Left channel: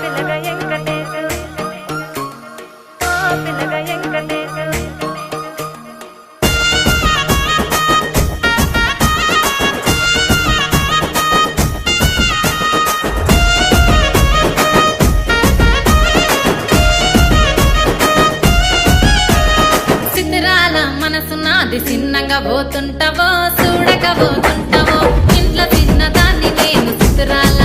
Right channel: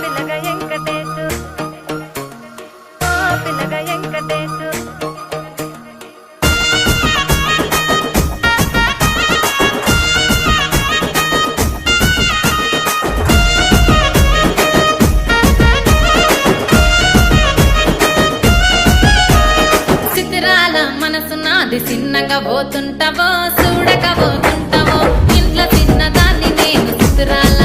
పిల్లగా వెంకటేశు పిల్లగా వెంకటేశు మనసు నాది చిన్నగా పోతుంటావో చూడక పోతుంటావో ఇంట్లో చిన్నదాన్ని నేను చిత్రాల